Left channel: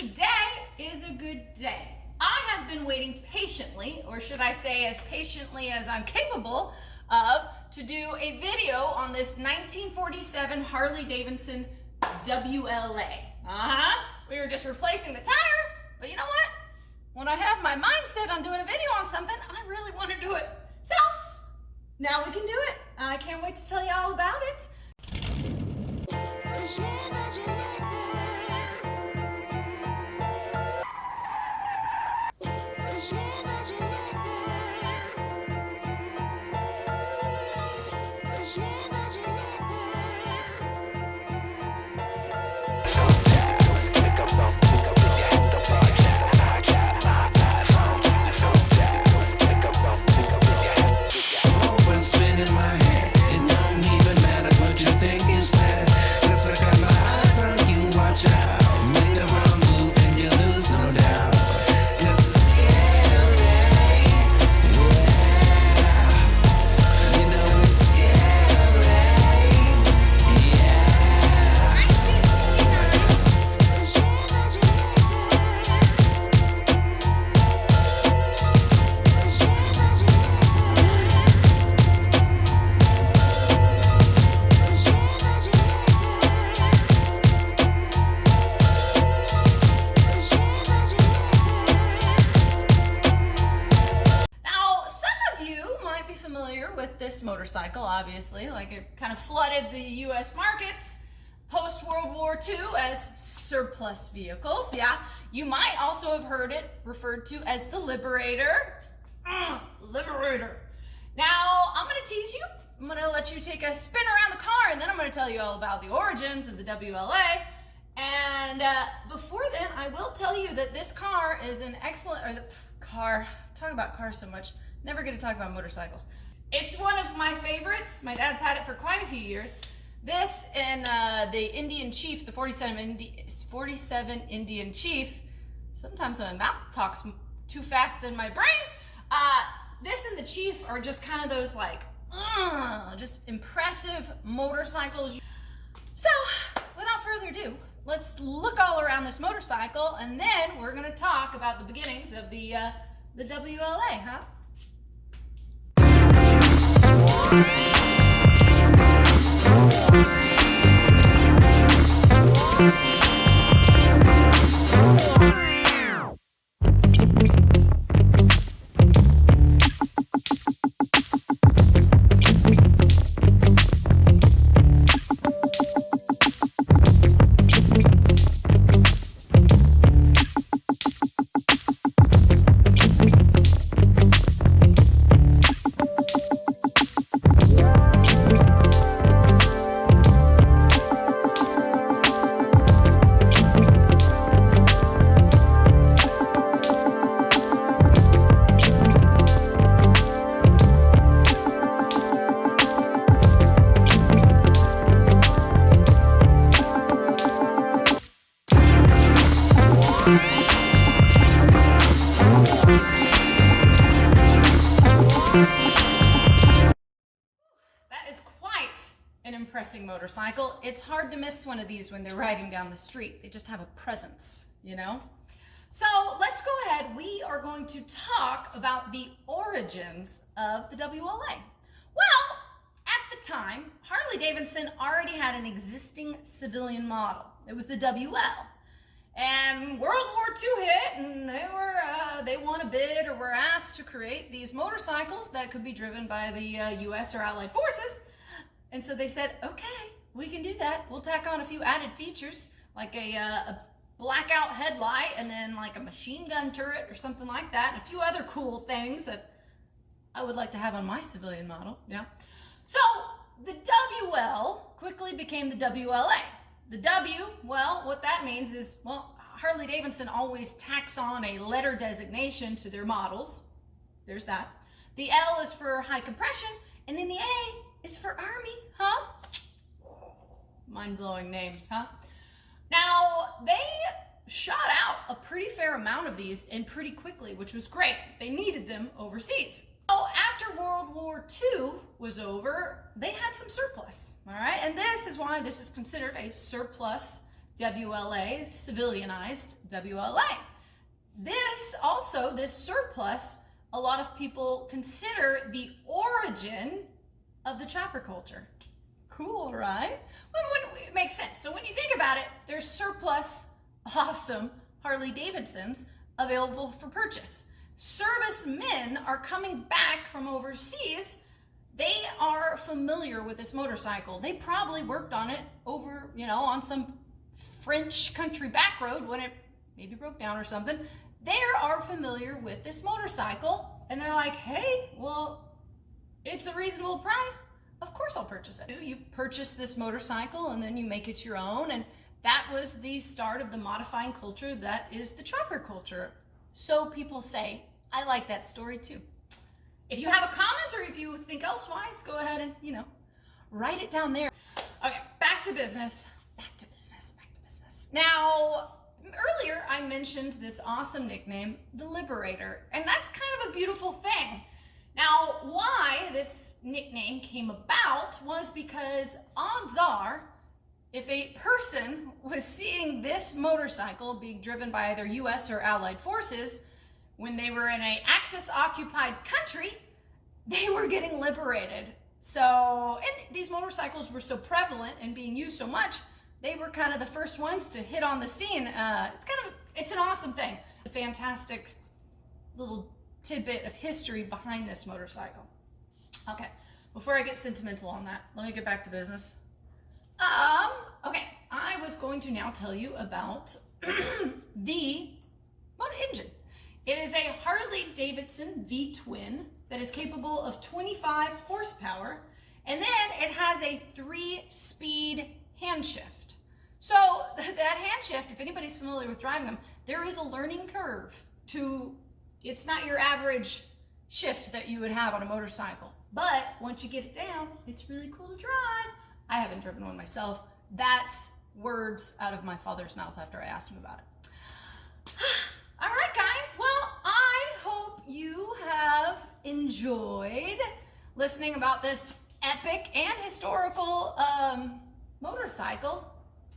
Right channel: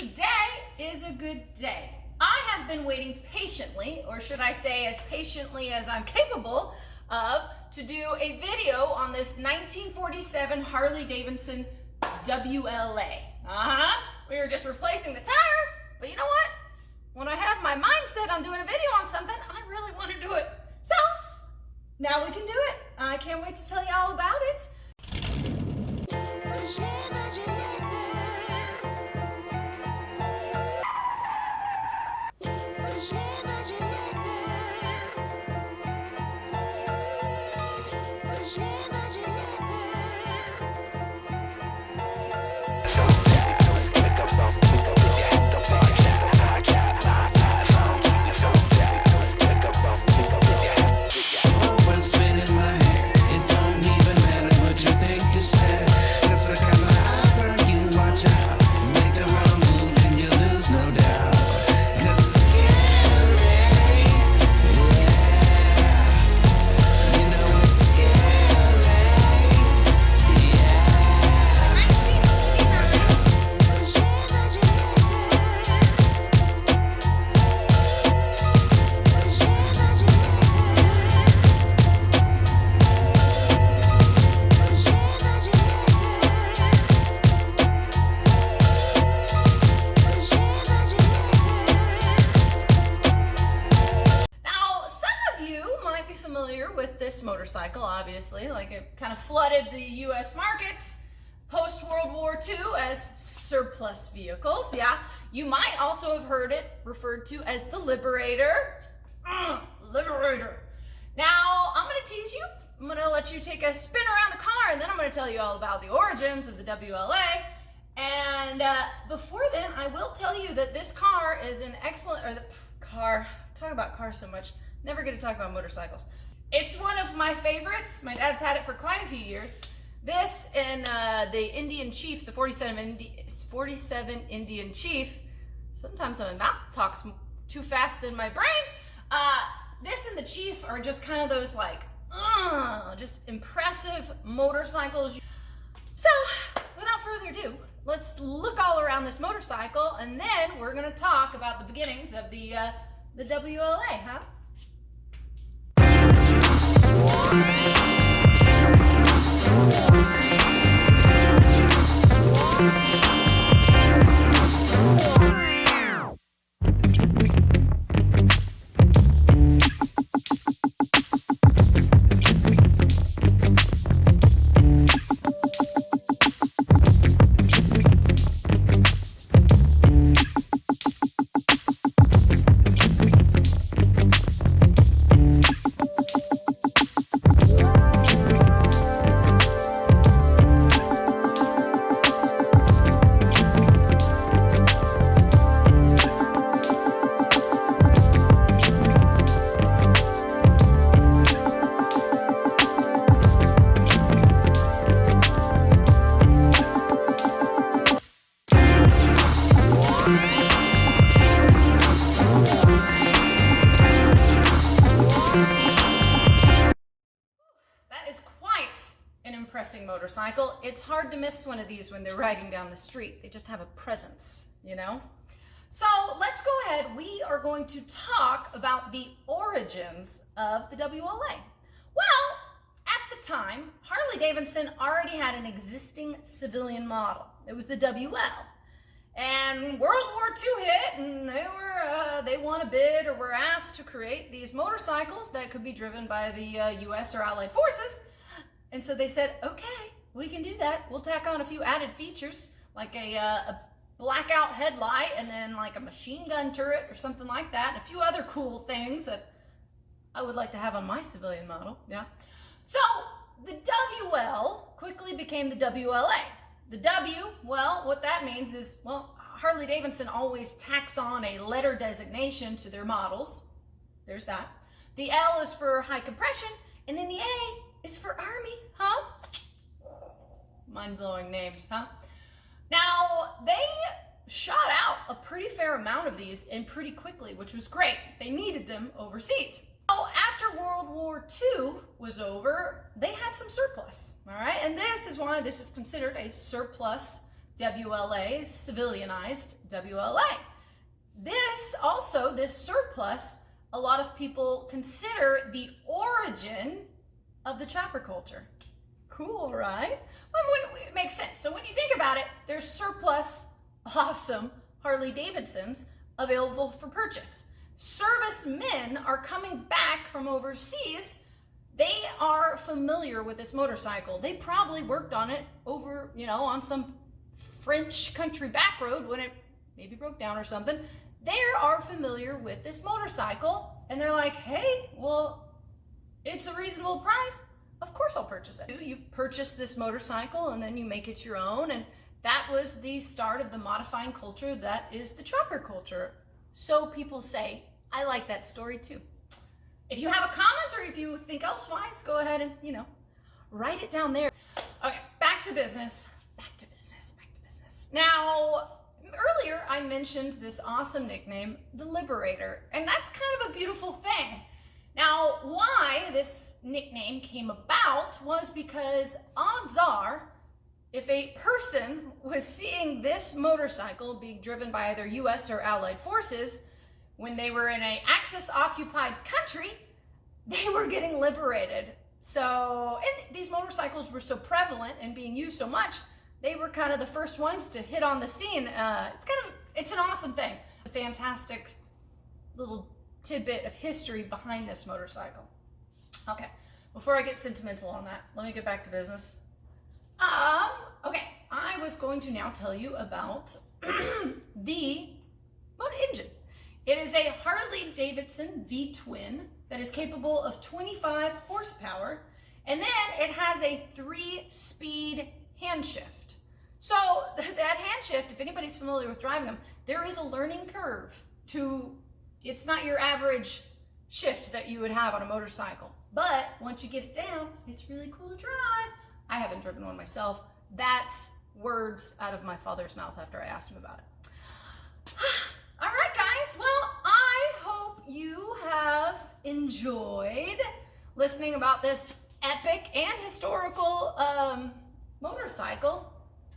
Today is a good day. I have been waiting patiently, or should I say as patiently as I'm capable of, to do a video on this 1947 Harley Davidson WLA. We were just replacing the tire, but you know what? When I have my mindset on doing a video on something, I really want to do it. So, now we can do it. I can't wait to tell you all about it. With this motorcycle, obviously, like it kind of flooded the US markets post World War II as surplus vehicles. Yeah, you might also have heard it referred to as the Liberator. Liberator. Now, I'm going to tease you. I'm going to let you take a spin around the car, and then I'm going to tell you all about the origins of the WLA. And before then, I will tell you that this car is an excellent, talking about cars so much, never get to talk about motorcycles. It's one of my favorites. My dad's had it for quite a few years. This and the Indian Chief, the 47 Indian Chief. Sometimes my mouth talks too fast than my brain. This and the Chief are just kind of those like, just impressive motorcycles. So, without further ado, let's look all around this motorcycle, and then we're gonna talk about the beginnings of the WLA, huh? Impressive motorcycle. It's hard to miss one of these when they're riding down the street. They just have a presence, you know? So let's go ahead. We are going to talk about the origins of the WLA. Well, at the time, Harley Davidson already had an existing civilian model. It was the WL. And World War II hit, and they won a bid or were asked to create these motorcycles that could be driven by the US or Allied forces. And so they said, okay, we can do that. We'll tack on a few added features, like a blackout headlight and then like a machine gun turret or something like that, and a few other cool things that I would like to have on my civilian model, yeah. So the WL quickly became the WLA. The W, well, what that means is, well, Harley Davidson always tacks on a letter designation to their models. There's that. The L is for high compression, and then the A is for Army, huh? Mind-blowing names, huh? Now, they shot out a pretty fair amount of these and pretty quickly, which was great. They needed them overseas. So after World War II was over, they had some surplus, all right? And this is why this is considered a surplus WLA, civilianized WLA. This surplus, a lot of people consider the origin of the chopper culture. Cool, right? Well, it makes sense. So when you think about it, there's surplus, awesome Harley Davidsons available for purchase. Servicemen are coming back from overseas. They are familiar with this motorcycle. They probably worked on it over, on some French country back road when it maybe broke down or something. They are familiar with this motorcycle, and they're like, hey, well, it's a reasonable price. Of course I'll purchase it. You purchase this motorcycle and then you make it your own, and that was the start of the modifying culture that is the chopper culture. So people say, I like that story too. If you have a comment or if you think elsewise, go ahead and, write it down there. Okay, back to business. Now, earlier I mentioned this awesome nickname, the Liberator, and that's kind of a beautiful thing. Now, why this nickname came about was because odds are, if a person was seeing this motorcycle being driven by either US or Allied forces, when they were in an Axis-occupied country, they were getting liberated. So, and these motorcycles were so prevalent and being used so much, they were kind of the first ones to hit on the scene. It's an awesome thing. A fantastic little tidbit of history behind this motorcycle. Okay, before I get sentimental on that, let me get back to business. Okay, I was going to now tell you about the motor engine. It is a Harley Davidson V-twin that is capable of 25 horsepower, and then it has a 3-speed hand shift. So that hand shift, if anybody's familiar with driving them, there is a learning curve it's not your average shift that you would have on a motorcycle. But once you get it down, it's really cool to drive. I haven't driven one myself. That's words out of my father's mouth after I asked him about it. All right, guys. Well, I hope you have enjoyed listening about this epic and historical motorcycle.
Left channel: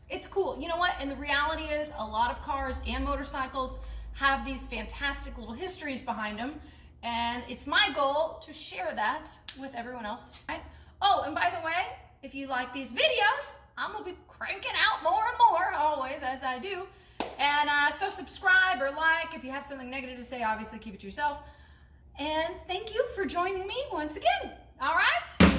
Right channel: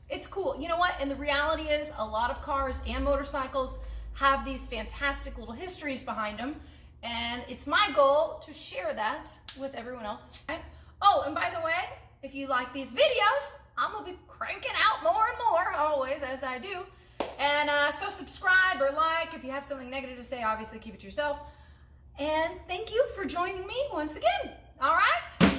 It's cool. You know what? And the reality is a lot of cars and motorcycles have these fantastic little histories behind them. And it's my goal to share that with everyone else. Right? Oh, and by the way, if you like these videos, I'm going to be cranking out more and more, always, as I do. And so subscribe or like. If you have something negative to say, obviously keep it to yourself. And thank you for joining me once again. All right?